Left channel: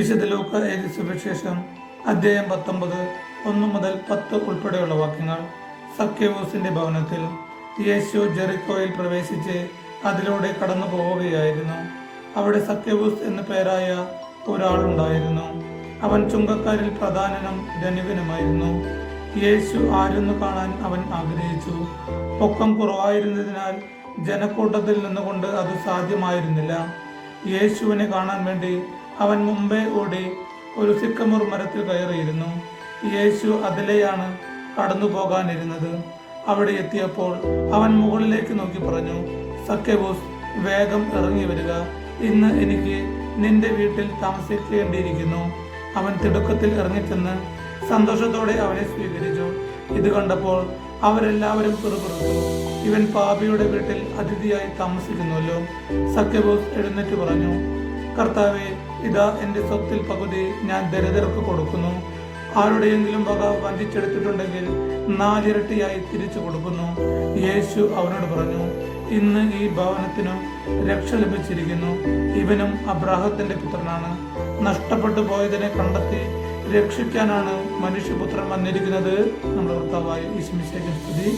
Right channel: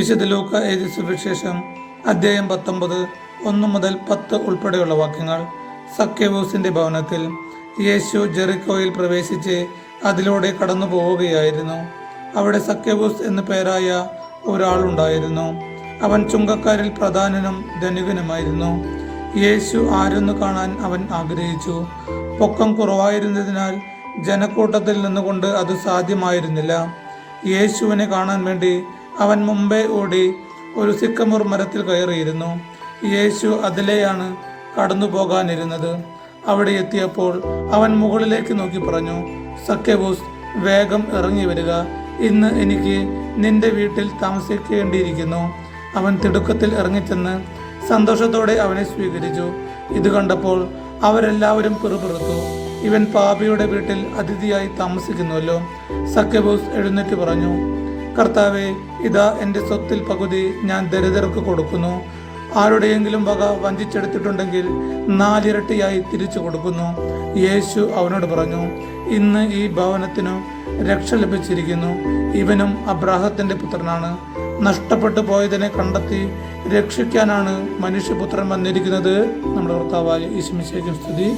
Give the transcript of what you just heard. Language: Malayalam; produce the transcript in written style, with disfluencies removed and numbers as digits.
വിശുദ്ധ ലൂക്ക എഴുതിയ സുവിശേഷം അധ്യായം 19 1 മുതൽ 10 ഉൾപ്പെടെയുള്ള വാക്യങ്ങൾ. സക്കേവൂസിന്റെ ഭവനത്തിൽ. യേശു ജെറിക്കോയിൽ പ്രവേശിച്ച് അതിലൂടെ കടന്നു പോവുകയായിരുന്നു. അവിടെ സക്കേവൂസ് എന്നു പേരായ ഒരാളുണ്ടായിരുന്നു. അവൻ ചുങ്കക്കാരിൽ പ്രധാനനും ധനികനുമായിരുന്നു. യേശു ആരെന്നു കാണാൻ അവൻ ആഗ്രഹിച്ചു. പൊക്കം കുറവായിരുന്നതിനാൽ ജനക്കൂട്ടത്തിൽ നിന്നുകൊണ്ട് അത് സാധ്യമായിരുന്നില്ല. യേശുവിനെ കാണാൻ വേണ്ടി അവൻ മുമ്പേ ഓടി ഒരു സിക്കമൂർ മരത്തിൽ കയറിയിരുന്നു. യേശു അതിലെയാണ് കടന്നു പോകാനിരുന്നത്. അവിടെ എത്തിയപ്പോൾ അവൻ മുകളിലേക്ക് നോക്കി പറഞ്ഞു, സക്കേവൂസ്, വേഗം ഇറങ്ങി വരിക, ഇന്ന് എനിക്ക് നിന്റെ വീട്ടിൽ താമസിക്കേണ്ടിയിരിക്കുന്നു. അവൻ തിടുക്കത്തിൽ ഇറങ്ങിച്ചെന്ന് സന്തോഷത്തോടെ അവനെ സ്വീകരിച്ചു. ഇത് കണ്ടപ്പോൾ അവരെല്ലാവരും പിറുപിറുത്തു, ഇവൻ പാപിയുടെ വീട്ടിൽ അതിഥിയായി താമസിക്കുന്നുവല്ലോ. സക്കേവൂസ് എഴുന്നേറ്റ് പറഞ്ഞു, കർത്താവേ, ഇതാ എൻ്റെ സ്വത്തിൽ പകുതി ഞാൻ ദരിദ്രർക്ക് കൊടുക്കുന്നു. ആരുടെയെങ്കിലും വക വഞ്ചിച്ചെടുത്തിട്ടുണ്ടെങ്കിൽ 4 ഇരട്ടിയായി തിരിച്ചു കൊടുക്കുന്നു. യേശു അവനോട് പറഞ്ഞു, ഇന്ന് ഈ ഭവനത്തിനു രക്ഷ ലഭിച്ചിരിക്കുന്നു. ഇവനും അബ്രാഹത്തിന്റെ പുത്രനാണ്. നഷ്ടപ്പെട്ടു പോയതിനെ കണ്ടെത്തി രക്ഷിക്കാനാണ് മനുഷ്യപുത്രൻ വന്നിരിക്കുന്നത്. നമ്മുടെ കർത്താവായ യേശു മിശിഹായ്ക്ക് സ്തുതി.